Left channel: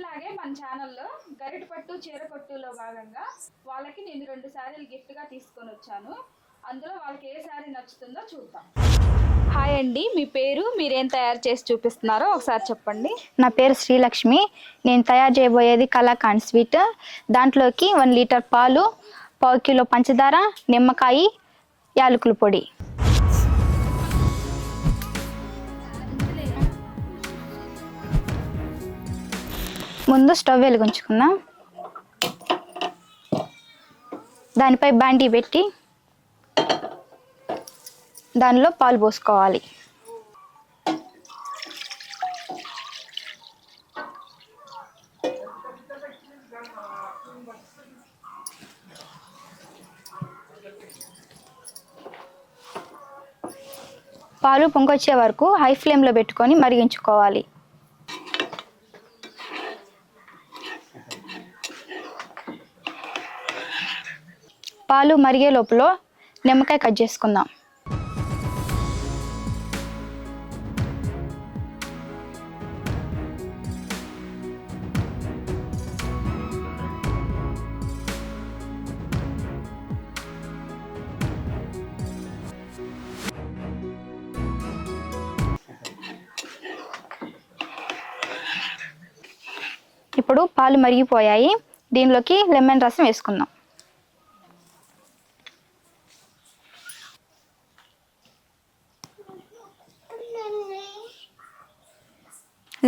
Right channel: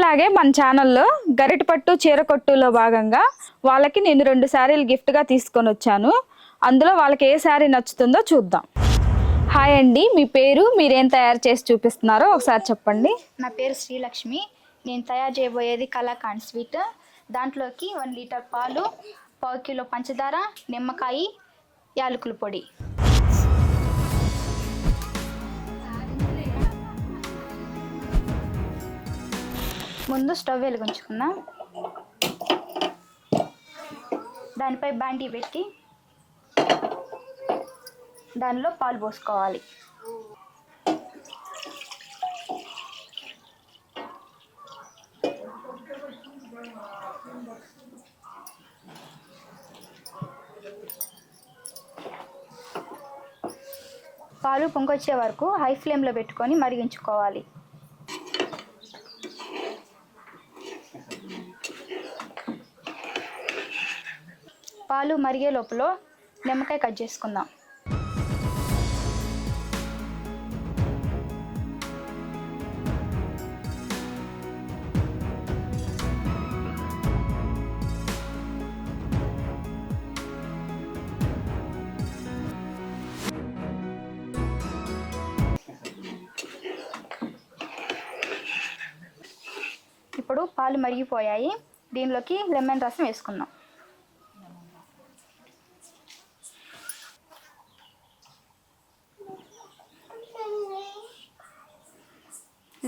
ఎప్పటిలాగే మన ఛానల్లో గరిటపట్టు చీరకొట్టులో భాగంగా వాళ్ళకి నేను 2 శారీలు గిఫ్ట్గా తీసుకొని వచ్చాను. అందులో వాళ్ళకి ఏ శారీ నచ్చుతుందో చూద్దాం. హాయ్ అండి, మీ పేరు, మీరేం తయారు చేసి చూపిస్తున్నారో ఒకసారి చెప్పండి. నా పేరు శ్రీలక్ష్మి. నేను తయారు చేయబోయేది కలాకాండ్ స్వీట్. దాంట్లోకి 1 లీటర్ పాలు, 1/4 కిలో పంచదార, నిమ్మకాయ, యాలకుల పొడి. ముందు స్టవ్ వెలిగించుకుందాం. దానిపై బాండీ పెట్టి దానిలో పాలు పోసుకోవాలి. పాలు పొంగొచ్చే వరకు హై ఫ్లేమ్లో పెట్టుకొని మరిగించుకోవాలి. పాలు మరిగే లోపల నిమ్మకాయ కట్ చేసుకుందాం. ఇప్పుడు పాలు మరిగిపోయాయి. దీనిలోకి లెమన్ రసం వేసుకుందాం.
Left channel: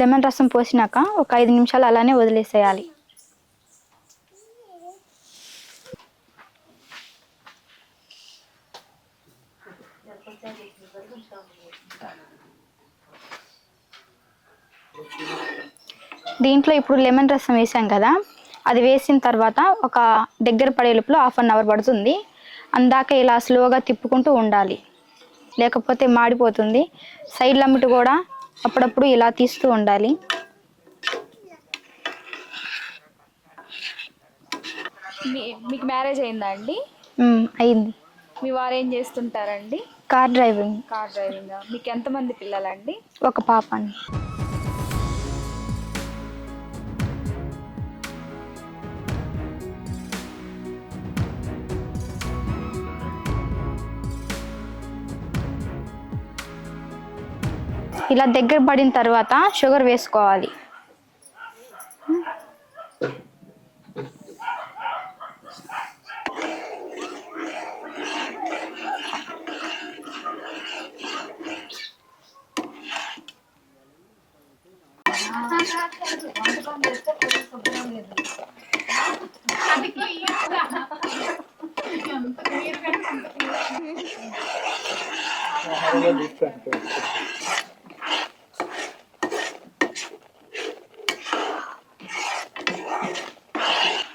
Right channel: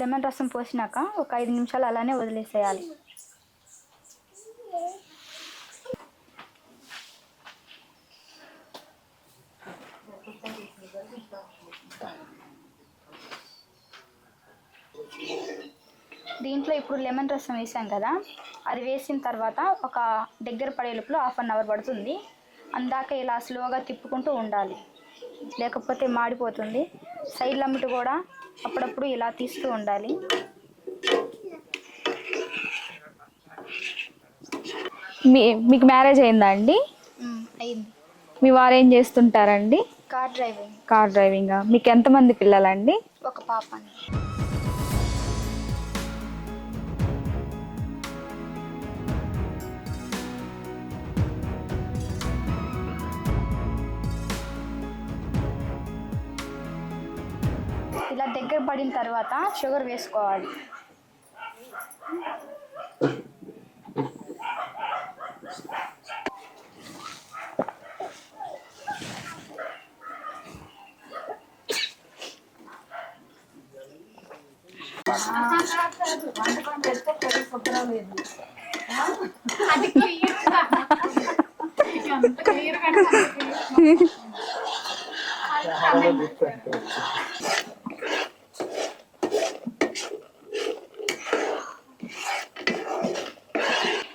లెమన్ రసం పోసినాక ఒక 5 నిమిషాలు అలానే వదిలేసేయాలి. దీంట్లో ఇప్పుడు లెమన్ రసం వేసాం కదా, అది వేసిన తర్వాత ఒక దగ్గర పడే లోపల 1/2 అవర్ పడుతుంది. అందాక ఇలా స్లోగా తిప్పుకుంటూ ఉండాలి, లేకపోతే మాడిపోతుంది. సైడ్ లమ్మిటి కూడా అప్పుడప్పుడు ఇలా తీస్తూ ఉండాలి. మీకు మ్యారేజ్ అయిందా అండి? అయింది. మీ వారు ఏం చేస్తుంటారండి? Car driving. కార్ డ్రైవింగా? మీకు ఎంతమంది పిల్లలండి? ఒక పాప అండి. ఇలా దగ్గర పడిన తర్వాత షుగర్ వేసుకోవాలి.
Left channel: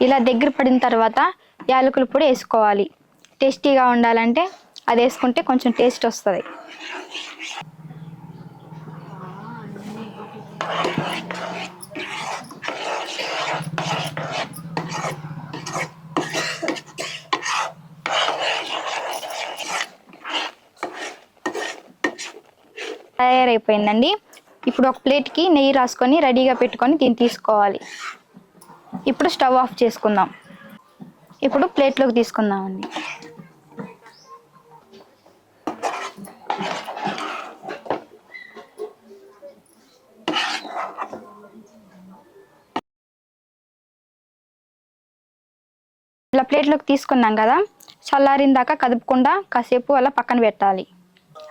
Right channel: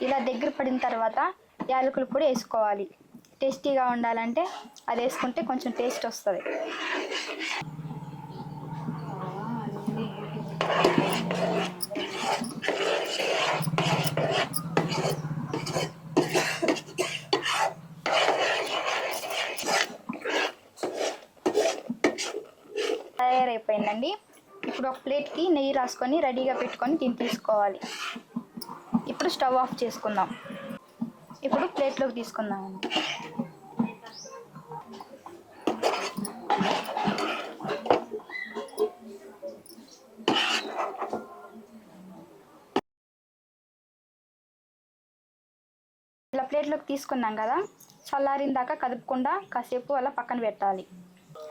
ఇలా దగ్గర పడిన తర్వాత యాలకుల పొడి వేసుకోవాలి. టేస్టీగా ఉండాలంటే అది వేసుకుంటే కొంచెం టేస్ట్ వస్తుంది. తయారైపోయిందండి. ఇప్పుడు ఒక ప్లేట్కి నెయ్యి రాసుకొని రెడీగా పెట్టుకొని దీన్ని తీసుకోవాలి. ఇప్పుడు స్టవ్ ఆఫ్ చేసుకుందాం. ఇప్పుడు ప్లేట్లోకి తీసుకుందామండి. ఇలా ప్లేట్లోకి తీసుకున్నాం కదా, చల్లారిన దాకా కదుపుకుండా కాసేపు అలా పక్కన పెట్టాలి.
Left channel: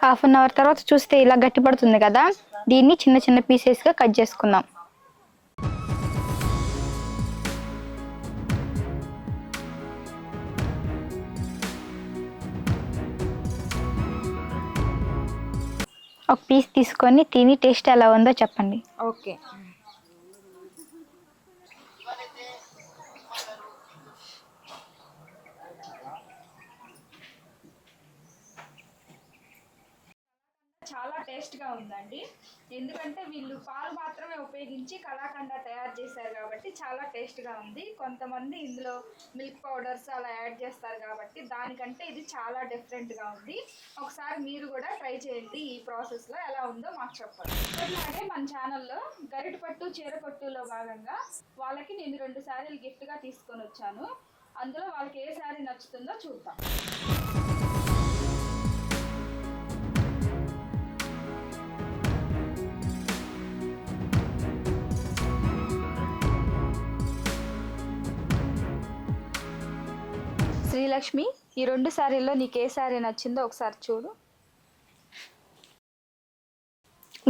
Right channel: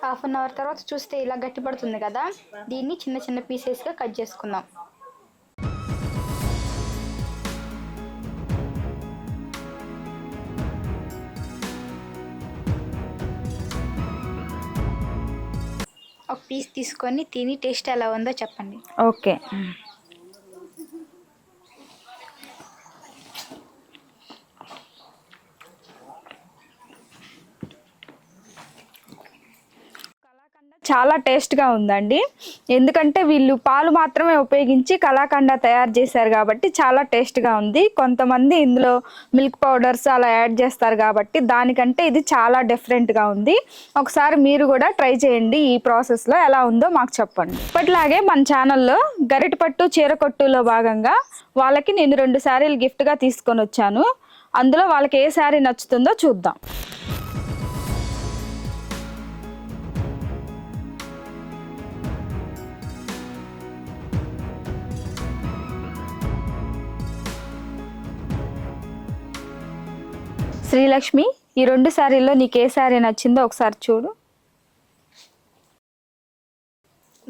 1/2 అవర్ తర్వాత చూస్తే ఇలా గట్టి పడుతుంది కదా, దీన్ని చిన్న చిన్న పీసెస్గా కట్ చేసుకుందాం. ఒక పీస్ తీసుకొని తిని టేస్ట్ ఎలా ఉందో చెప్పండి. ఓకే. చాలా టేస్ట్గా ఉందండి. ఎందుకంటే వీళ్ళు పాలు మాత్రమే ఉపయోగించి కలాకండ తయారు చేశారు కాబట్టి చాలా టేస్ట్గా ఉంది. కొంతమంది ఇందులో మిల్క్ పౌడర్స్ అలా యాడ్ చేస్తారు కాబట్టి దానికంటే ఇది చాలా డిఫరెంట్గా ఉంది. ఒకసారి మీరు కూడా ట్రై చేయండి. ఈ ప్రాసెస్లో ఎలా ఉందో మాకు చెప్పండి. ఇప్పటిలాగే మన ఛానల్లో గరిటపట్టు చీరకొట్టులో భాగంగా వాళ్ళకి నేను 2 శారీలు గిఫ్ట్గా తీసుకొని వచ్చాను. అందులో వాళ్ళకి ఏ శారీ నచ్చుతుందో చూద్దాం. శ్రీలక్ష్మి, ఈ 2 శారీల్లో నీకు ఏ శారీ నచ్చిందో ఒకసారి చూడు.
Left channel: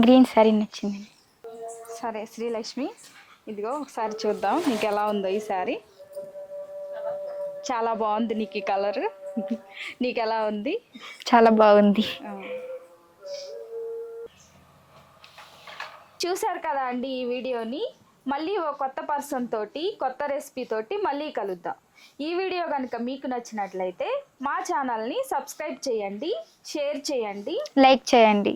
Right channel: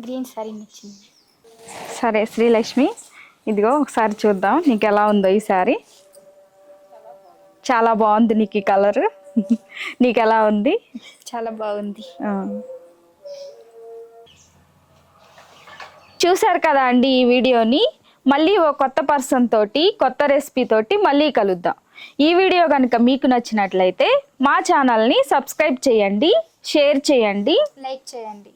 గ్రీన్ శారీ నచ్చింది. సరే శ్రీలక్ష్మి, ఇదిగో ఒకసారి చూద్దాం నీకు ఎలా ఉందో ఈ శారీ. చాలా బాగుంది నీకు ఈ కలర్. నీకు ఎలా ఉంది? చాలా బాగుంది. చూశారు కదా అండి ఈ వీడియోని. మళ్ళీ ఓ కొత్త పర్సన్ తోటి కొత్త రెసిపీ తోటి మళ్ళీ కలుద్దాం. ఈ వీడియో కనుక మీకు నచ్చినట్లయితే మా ఛానల్ని సబ్స్క్రైబ్ చేయండి, షేర్ చేయండి, లైక్ చేయండి.